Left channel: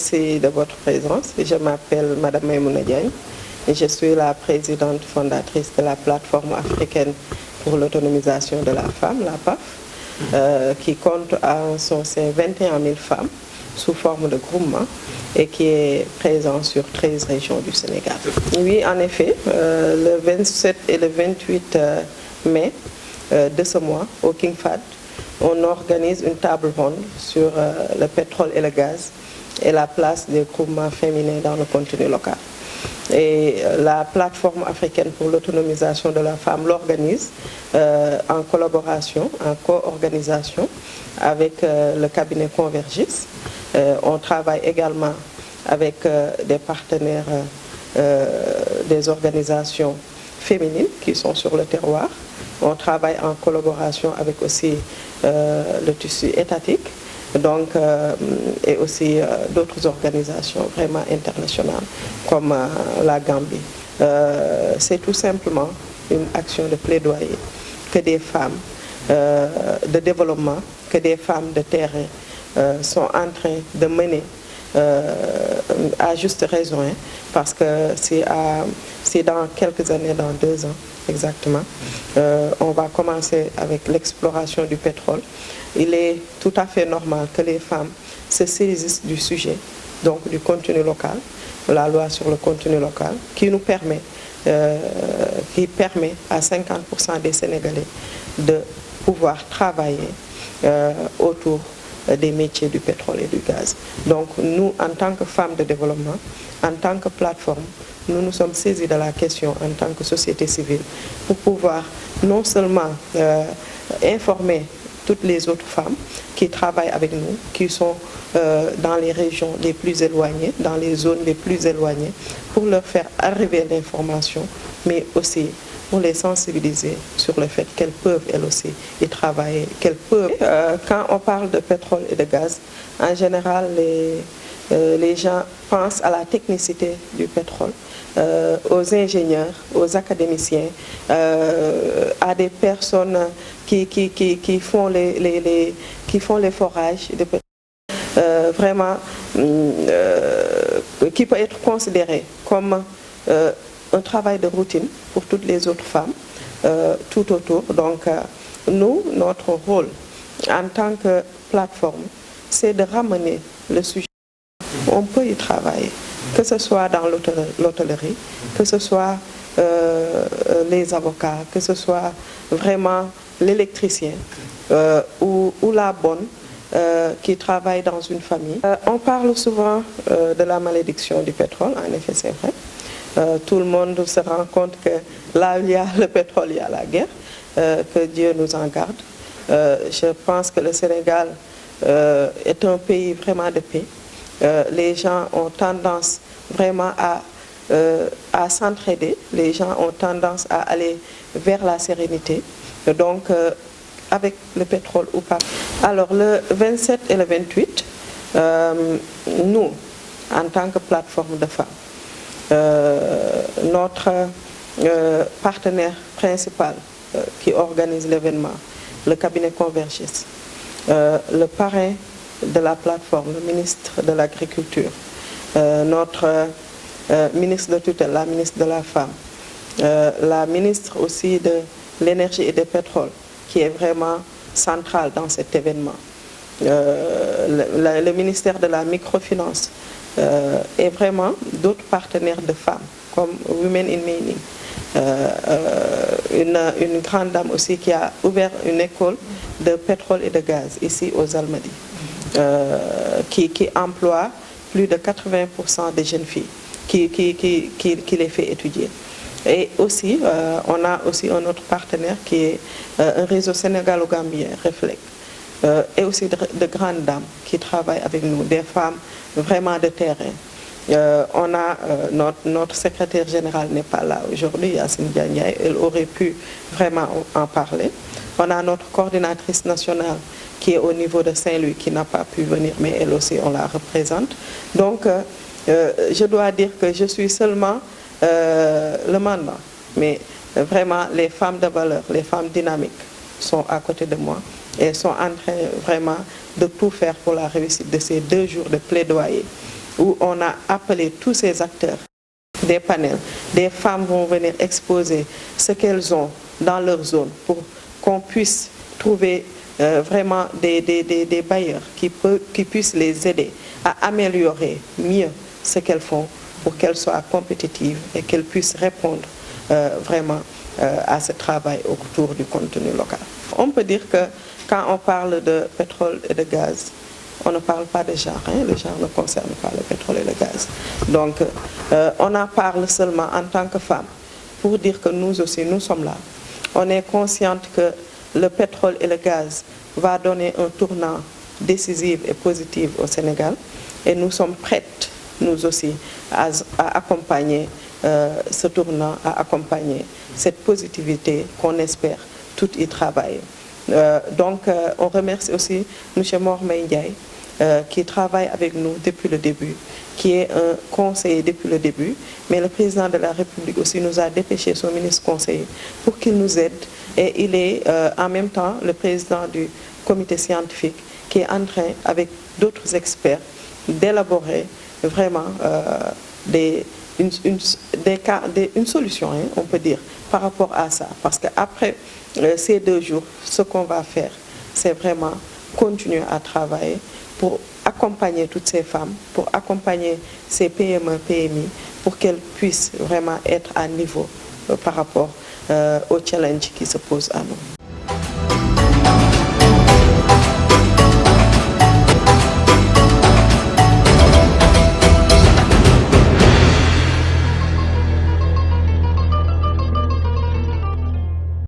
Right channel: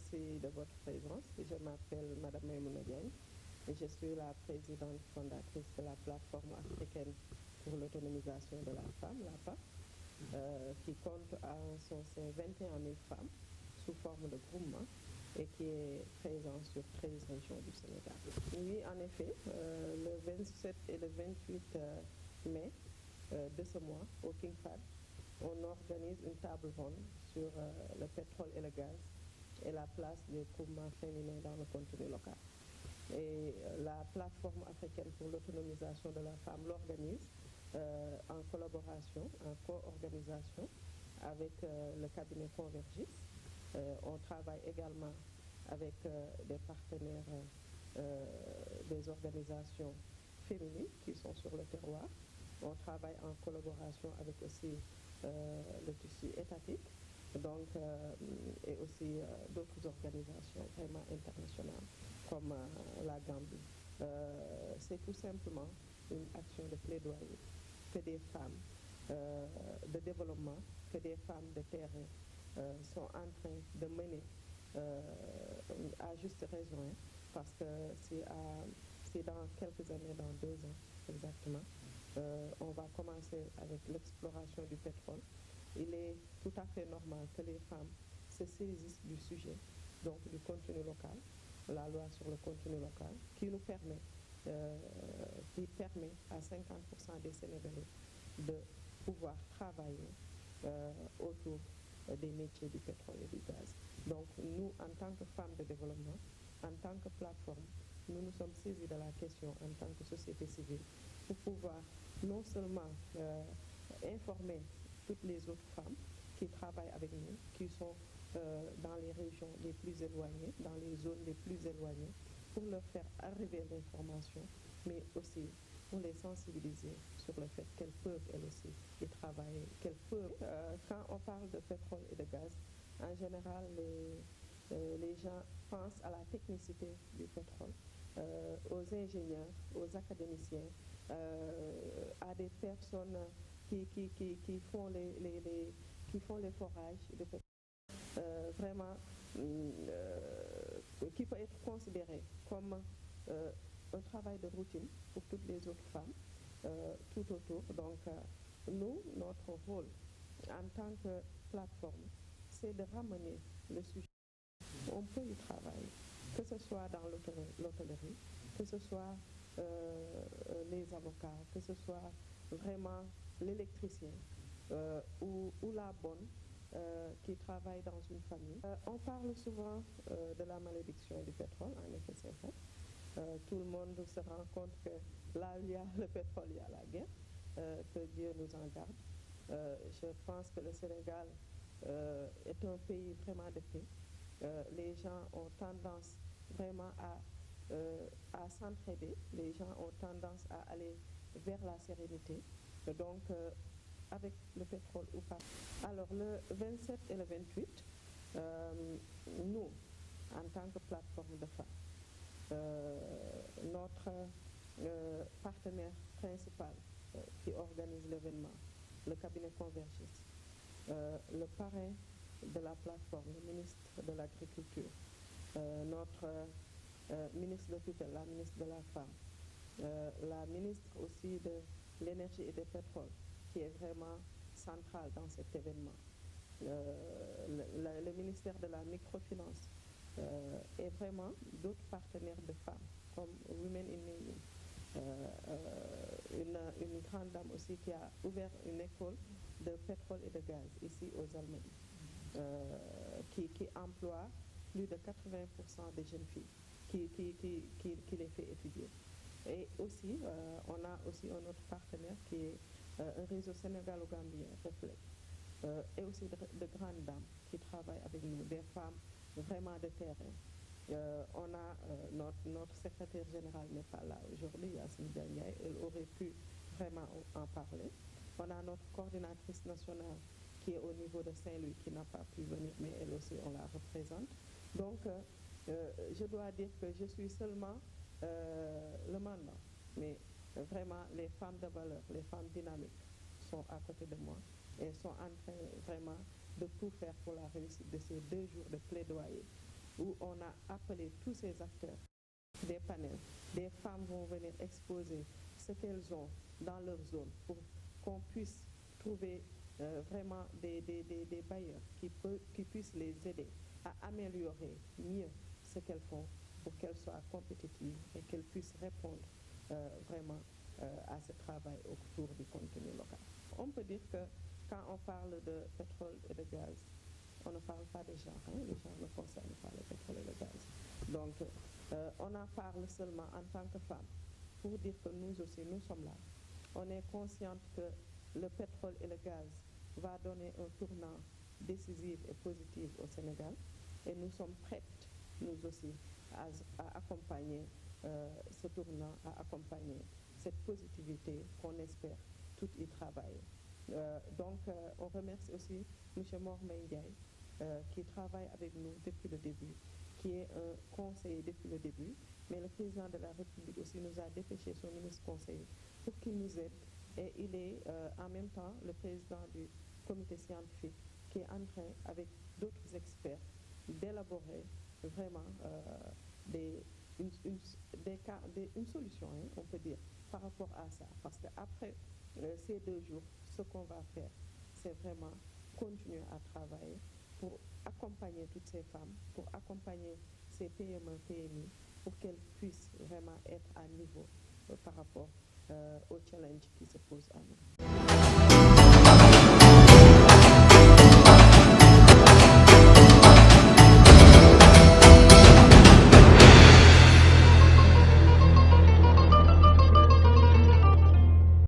merci de votre présence. Je m'appelle Madame Maïmouna Diagne et je suis la présidente fondatrice de la plateforme africaine pour l'autonomisation de la femme, la PAF, qui compte en son sein 21 000 femmes sous forme de groupement et qui est présent sur 13 régions du Sénégal. Oui, en effet, le 27 et le 28 mai de ce mois, au King Fahd, on organise une table ronde sur le pétrole et le gaz et la place des groupements féminins dans le contenu local. Et la plateforme africaine pour l'autonomisation de la femme l'organise en collaboration, en co-organisation avec le cabinet Convergis. On travaille également avec des partenaires des organisations féminines qui sont sur le terroir. On travaille en collaboration avec aussi le tissu étatique, donc, et aussi d'autres organisations vraiment internationales comme la Gambie. C'est tout simplement une action de plaidoyer que des femmes de développement, que des femmes de terrain sont en train de mener à juste raison, hein, parce que c'est dans quelques années, dans 2 ans exactement, on va commencer avec l'exploration du pétrole. Il est tout à fait normal que les femmes se saisissent du sujet, donc du contenu local, la loi sur le contenu local, qui permet à 50% des Sénégalais de pouvoir travailler autour des métiers du pétrole et du gaz. Donc nous, en tant que femmes de développement, en tant que plateforme, nous nous sommes saisis de la question en tant que société civile pour pouvoir non seulement informer toutes les autres femmes qui travaillent avec nous, qui sont dans les régions les plus éloignées, dans les zones les plus éloignées, pour leur faire arriver l'information, mais aussi pour les sensibiliser sur le fait qu'elles peuvent elles aussi y travailler, qu'elles peuvent. Quand on parle de pétrole et de gaz, en général, les gens pensent à la technicité du pétrole, aux ingénieurs, aux académiciens, à des personnes qui font les forages de pétrole. Vraiment, qui peut être considéré comme un travail de routine pour toutes les autres femmes tout autour. Donc, nous, notre rôle en tant que plateforme, c'est de ramener le sujet. On peut y travailler, que ce soit dans l'hôtellerie, que ce soit les avocats, que ce soit vraiment l'électricien ou la bonne qui travaille dans une famille. On parle souvent de la malédiction du pétrole, en effet c'est vrai. Tout le monde se rend compte que là où il y a le pétrole, il y a la guerre, que Dieu nous en garde. Je pense que le Sénégal est un pays vraiment de paix. Les gens ont tendance vraiment à s'entraider, les gens ont tendance à aller vers la sérénité. Donc, avec le pétrole ou pas. Alors, le 27 et le 28, nous, en tant que plateforme de femmes, notre partenaire principal qui organise l'événement, le cabinet Convergis, le parrain de la plateforme, le ministre de l'Agriculture, notre ministre de tutelle, la ministre de la Femme, la ministre aussi de l'Énergie et des Pétroles, qui est vraiment centrale dans cet événement, le ministère de la Microfinance, et vraiment d'autres partenaires de femmes comme Women in Mining, une grande dame aussi qui a ouvert une école de pétrole et de gaz ici aux Almadies, qui emploie plus de 80% des jeunes filles, qui les fait étudier. Et aussi, on a aussi un autre partenaire qui est un réseau sénégalo-gambien, Reflect, et aussi de grandes dames qui travaillent avec nous, des femmes vraiment de terrain. On a notre secrétaire général n'est pas là aujourd'hui, Yacine Diagne, elle aurait pu vraiment en parler. On a notre coordinatrice nationale qui est au niveau de Saint-Louis, qui n'a pas pu venir, mais elle aussi, on la représente. Donc, je dois dire que je suis seulement le mandant, mais vraiment, les femmes de valeur, les femmes dynamiques sont à côté de moi et sont en train vraiment de tout faire pour la réussite de ces 2 jours de plaidoyer où on a appelé tous ces acteurs, des panels. Des femmes vont venir exposer ce qu'elles ont dans leur zone pour qu'on puisse trouver vraiment des bailleurs qui puissent les aider à améliorer mieux ce qu'elles font pour qu'elles soient compétitives et qu'elles puissent répondre vraiment à ce travail autour du contenu local. On peut dire que quand on parle de pétrole et de gaz, on ne parle pas de genre, hein? Le genre ne concerne pas le pétrole et le gaz. Donc on en parle seulement en tant que femme pour dire que nous aussi, nous sommes là. On est consciente que le pétrole et le gaz va donner un tournant décisif et positif au Sénégal et nous sommes prêtes, nous aussi, à accompagner ce tournant, à accompagner cette positivité qu'on espère tout y travailler. Donc on remercie aussi M. Mormay Ndiaye qui travaille avec nous depuis le début, qui est un conseiller depuis le début, mais le président de la République aussi nous a dépêché son ministre conseiller pour qu'il nous aide. Et il est en même temps le président du comité scientifique qui est en train, avec d'autres experts, d'élaborer vraiment une solution, hein, on peut dire, par rapport à ça. Parce qu'après ces 2 jours, ce qu'on va faire, c'est vraiment continuer à travailler pour accompagner toutes ces femmes, pour accompagner ces PME, PMI, pour qu'elles puissent vraiment être à niveau par rapport au challenge qui se pose à nous.